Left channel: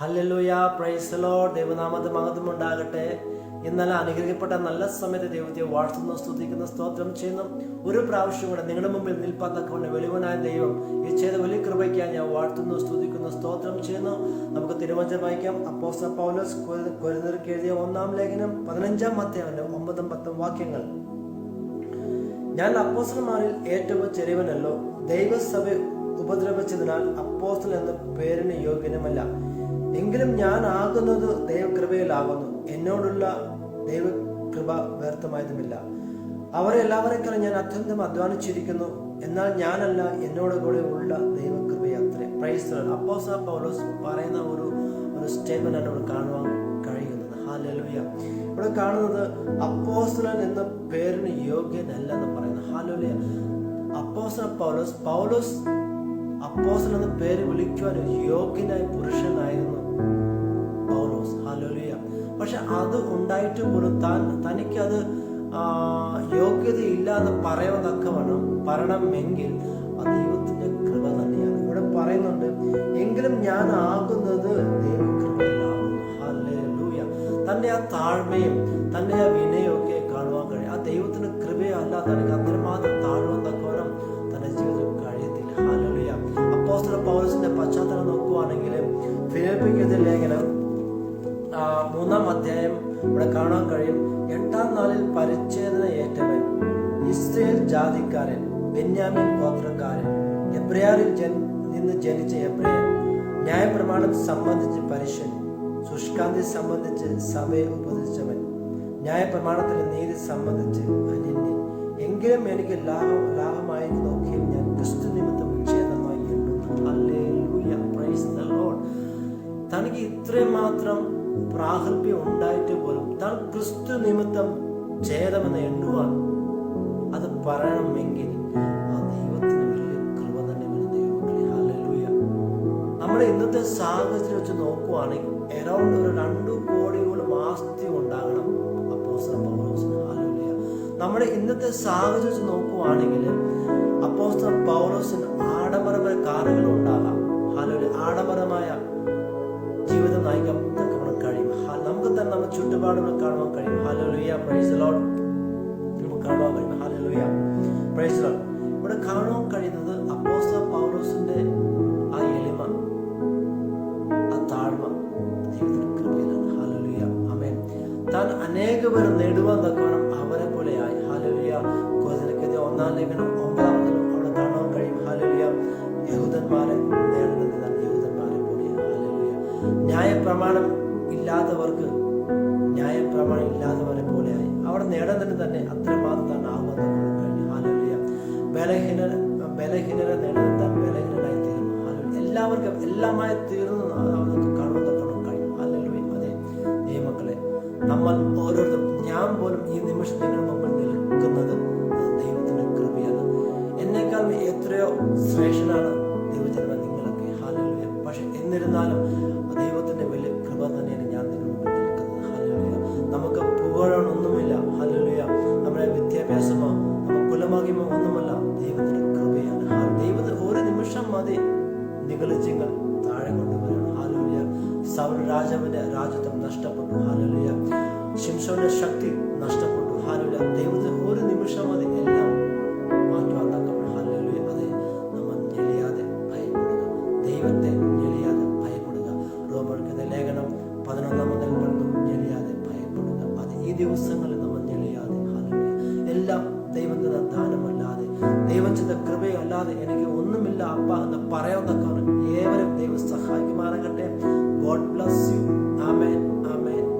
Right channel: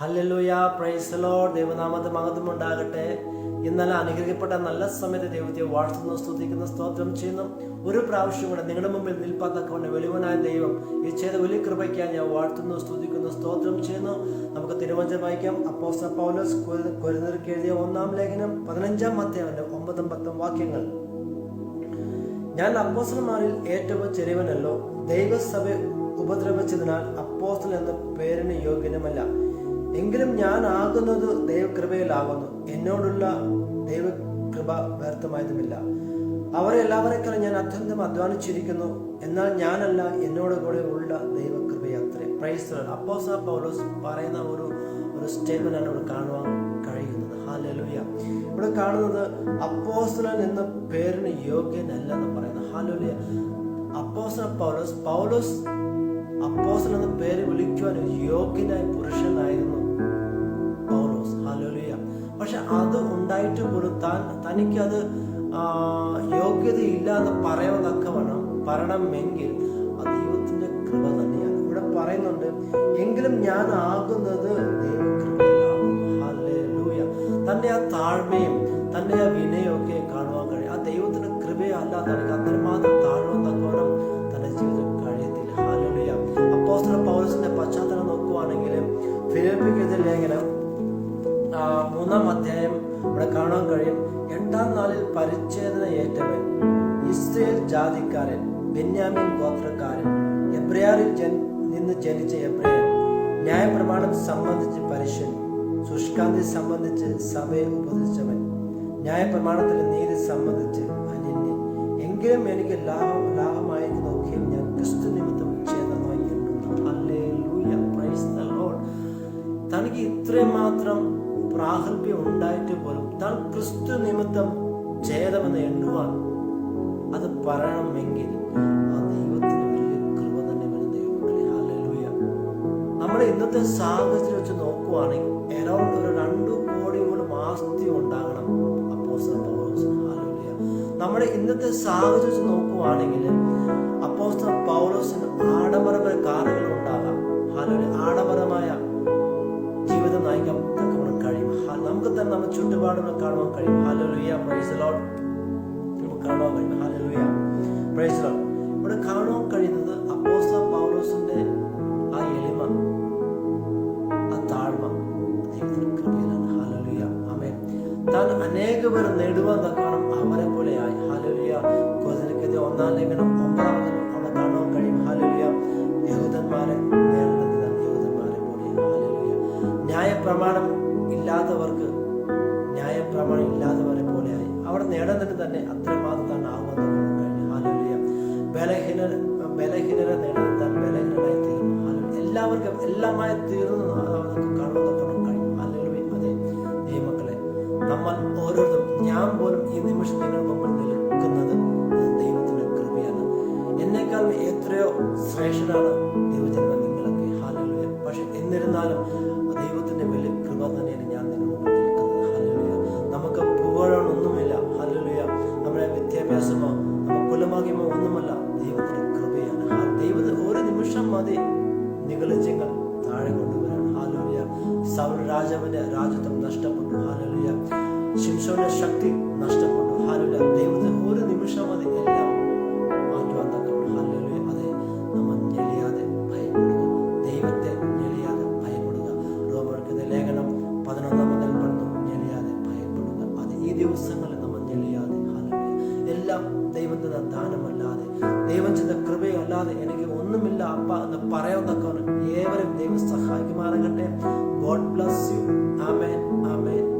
Hallelujah praise Lord ദൈവനാമത്തെ മഹത്വം ഉണ്ടാകട്ടെ. ഇന്നലെ അനുഗ്രഹിക്കപ്പെട്ട നല്ല സമയത്ത് ദൈവത്തെ വാഴ്ത്തുന്നു സ്തുതിക്കുന്ന സ്തോത്രം ചെയ്യുന്നു. ഒരു പ്രാവശ്യം കൂടെ നിങ്ങളുടെ മുമ്പിൽ നിൽപ്പാത്തക്കൊണ്ട് വെളിവനായ ദൈവം ഈ ചെയ്ത വലിയ കൃപയ്ക്കായി ഞാൻ വാഴ്ത്തുന്നു സ്തുതിക്കുന്നു സ്തോത്രം ചെയ്യുന്നു. നമുക്ക് തിരുവഞ്ചനം വായിക്കാം. അപ്പോസ്തല പൗലോസ് കൊരുന്നർക്ക് എഴുതിയ ഒന്നാം ലേഖനം പതിനഞ്ചാം അധ്യായന്റെ ഒമ്പതും പത്തും വാക്യങ്ങൾ. ഞാൻ അപ്പോസ്റ്റലന്മാരിൽ ഏറ്റവും ചെറിയവനല്ലോ. ദൈവസഭ ഉപദ്രവിച്ചതിനാൽ അപ്പോസ്റ്റൽ എന്ന പേരിന് യോഗ്യനുമല്ല. എങ്കിലും ഞാൻ ആകുന്നത് ദൈവകൃപയിലാകുന്നു. എന്നോടുള്ള ദൈവകൃപ വ്യർത്ഥമായതുമില്ല. അവരെ എല്ലാവരെക്കാളും ഞാൻ അത്യന്തം അധ്വാനിച്ചിരിക്കുന്നു. എന്നാൽ ഞാനല്ല എന്നോട് കൂടെ ഉള്ള ദൈവകൃപയത്രേ പ്രൈസ് അപ്പോസ പൗലോസ് പറയുന്ന ഒരു ഒരു സ്റ്റേറ്റ്മെന്റ് ആണ് ഇവിടെ കാണുവാൻ കഴിയുന്നത്. ഹാലലുയ ഇവിടെ കാണുന്നത് അപ്പോസ്തലൻ എന്ന പേരിന് യോഗ്യനല്ല എന്ന് പറയുന്നത് ഹാലലുയ അപ്പോസ പൗലോസ് പൗലോസ് അപ്പോസ്തലൻ എന്ന പേര് വിളിക്കുവാൻ ഒരു യോഗ്യനായ പുരുഷനായിരുന്നു പൗലോസ്. ഹലോലിയ പക്ഷെ അത് ഉണ്ടായിട്ട് പോലും താൻ തനിക്കത് യോഗ്യതയില്ല എന്ന് തക്കവണ്ണം പറയണമെങ്കിൽ അത് ദൈവത്തിന്റെ കൃപ തന്നെയാണ്. ഇവിടെ പറയുന്നുണ്ട് എങ്കിലും ഞാൻ ആകുന്നത് ദൈവകൃപയിലാകുന്നു ഹല്ലേലൂയ. തന്റെ ആ താഴ്മയും തന്റെ ആ വിനയൊക്കെ കാണുവാൻ കഴിയും. ആ ദൈവത്തിന് കൃപയല്ല തനിക്ക് അത്രമാത്രം താഴുവാൻ തക്കവണ്ണം തന്റെ ജീവിതത്തിൽ കഴിയത്തില്ല. ഹാലലുയ അപ്പോസ്റ്റർ പൗരസിന്റെ പശ്ചാത്തലം നോക്കുവാണെങ്കിൽ ഫിലിപ്പിക്കെതിരെ ലേഖനം മൂന്നാം അധ്യായം ഇവിടെ കാണാൻ കഴിയും. എട്ടാം നാളിൽ പരിച്ഛേദന ഏറ്റവൻ ഇസ്രയേൽ ജാതിക്കാരൻ ബെന്യാമിൻ ഗോത്രക്കാരൻ എബ്രയാറിൽ ജൻ നിന്ന് ജനിച്ച എബ്രയൻ ന്യായപ്രമാണം സംബന്ധിച്ച് പരിശൻ ശുഷ്കാന്തി സംബന്ധിച്ച് സഭയെ ഉപദേശിച്ചവൻ ന്യായപ്രമാണത്തിലെ നീതി സംബന്ധിച്ച് അനന്യൻ എങ്കിലും എനിക്ക് ലാഭം ലാഭമായിരിക്കുന്നതൊക്കെയും ഞാൻ ക്രിസ്തു നിമിത്തം ഛേദമായി തനിക്ക് ഇത്രയും മാത്രം പ്രാഗൽഭ്യം ഉണ്ടായിട്ട് പോലും താൻ ക്രിസ്തു നിമിത്തം ഛേദമെന്ന് എണ്ണുവാൻ അത് പറയണമെങ്കിൽ ആ ദൈവത്തിന് വലിയ കൃപ തന്നെ വരും ദൈവങ്ങളെ ഹല്ലേലൂയ നമ്മുടെ ഇന്നത്തെ സാഹചര്യം വെച്ച് നോക്കുവാണെങ്കിൽ എറൗണ്ട് ഒരു രണ്ടു കോടിയോളം ആസ്തി ഉണ്ടാകണം. അപ്പോസ്തലൻ പൗലോസിന് ഹല്ലേലൂയ. നമ്മുടെ ഇന്നത്തെ സാഹചര്യം നോക്കുവാണെങ്കിൽ അപ്പോസ്തലൻ പൗലോസിന് ആഡംബരമായ കാറുകൾ ഉണ്ടാകാം. ഹല്ലേലൂയ. ആഡംബരമായ ജീവിതം നയിക്കാൻ കഴിയും. നമുക്ക് തന്നെ നമ്മുടെ ചുറ്റുപാടുകൾ കാണുവാൻ കഴിയും. ഹാലലുയ പ്രൈസ് ലോഡ് നമുക്ക് കാണുവാൻ കഴിയും. ഹാലലുയ പ്രൈസ് ലോഡ് ഇവിടെ കാണുവാൻ കഴിയുന്നത് അപ്പോസ്ത പൗലോസിന്റെ ആ എളിമ ആ താഴ്മ. അനേക പേർ നേടുവാൻ തക്കണം അവരെ പോലെ ആയി ഹാലലുയ കോതിനക്കെതിരെ ഒന്നാം ലേഖനം ഒമ്പതാമതിലും അവിടെ കാണാൻ കഴിയും. ഹാലുലിയ യഹൂദന്മാരെ നേടുന്നതാണ് യഹൂദന്മാരെ പോലെയാണ് ന്യായ പ്രമാണം ഇല്ലാത്തവർക്ക് ന്യായപ്രമാണം ഇല്ലാത്തവരെ പോലെയായി. അവിടെ നേടുന്നതിന് തന്നെ അത്രമാത്രം തന്നെ ആകുമെന്ന് കഴിഞ്ഞു. ഹാലുലിയ ബലഹീന ബലഹീനരെ നേടുന്നത് ബലഹീനരായി തീർന്നു. ഹാലുലിയ എല്ലാവർക്കും എല്ലാമായി തീർന്നു നമ്മൾ ഓരോരുത്തരും ഞാൻ പോലും ഈ നിമിഷം നിങ്ങളുടെ മുമ്പിൽ നിൽക്കുന്നത് ദൈവത്തിന്റെ കൃപയാണ്. എന്നേക്കാൾ എത്രയോ ശ്രേഷ്ഠനാണ് ദൈവജന്മ നിങ്ങളൊക്കെ. ഹാലലുയ പക്ഷെ എന്നിരുന്നാലും ദൈവത്തിന്റെ വലിയ കൃപ തന്നെയാണ് ഞാൻ നിങ്ങളുടെ മുമ്പിൽ നിൽക്കുന്നത്. ഹാലലുയ നമുക്ക് പുകഴൊന്നുമില്ല ഹാലലുയ നമ്മുടെ വിദ്യാഭ്യാസമോ നമ്മുടെ കുലമാകിയമോ ഒന്നുമല്ല ദൈവത്തിന്റെ കൃപയാണ്. ദൈവത്തിന് ഒരു നിമിഷം മതി നികളിച്ചെങ്കിൽ താഴെ കൊണ്ടുവരാൻ ഹാലലുയ സൗൽ രാജാവിന്റെ രാജ്യത്വം നഷ്ടപ്പെട്ടു. ഹാലലുയ ശിംഷോന്റെ ശക്തി നഷ്ടപ്പെട്ടു. ഹാലലുയ ദൈവത്തിന് ഒരു നിമിഷം മതി എല്ലാം മാറ്റുവാൻ തക്കവണ്ണം. ഹാലലുയ അതെ നമ്മൾ ഞെളിയാതെ ഭയപ്പെടുക. ദൈവത്തെ ഞെളിയാതെ ഭയപ്പെടുക. റോമർക്കത്തെ ലേഖനം പതിനൊന്നാം മുതൽ പണ്ടും ഞെളിയാതെ ഭയപ്പെടുക. അത് ഈ ദിവസങ്ങളിൽ നമ്മൾ ഞെളിയാതെ. ഹാലലുയ എല്ലാം ദൈവത്തിന്റെ ദാനമല്ലാതെ ദൈവം ചെയ്ത കൃപയല്ലാതെ എനിക്ക് ഒന്നുമില്ല അപ്പ എന്ന് പറയാൻ തക്കവണ്ണം ഏവരും ദൈവം സഹായിക്കുമാറാകട്ടെ. God bless you. Amen. Amen.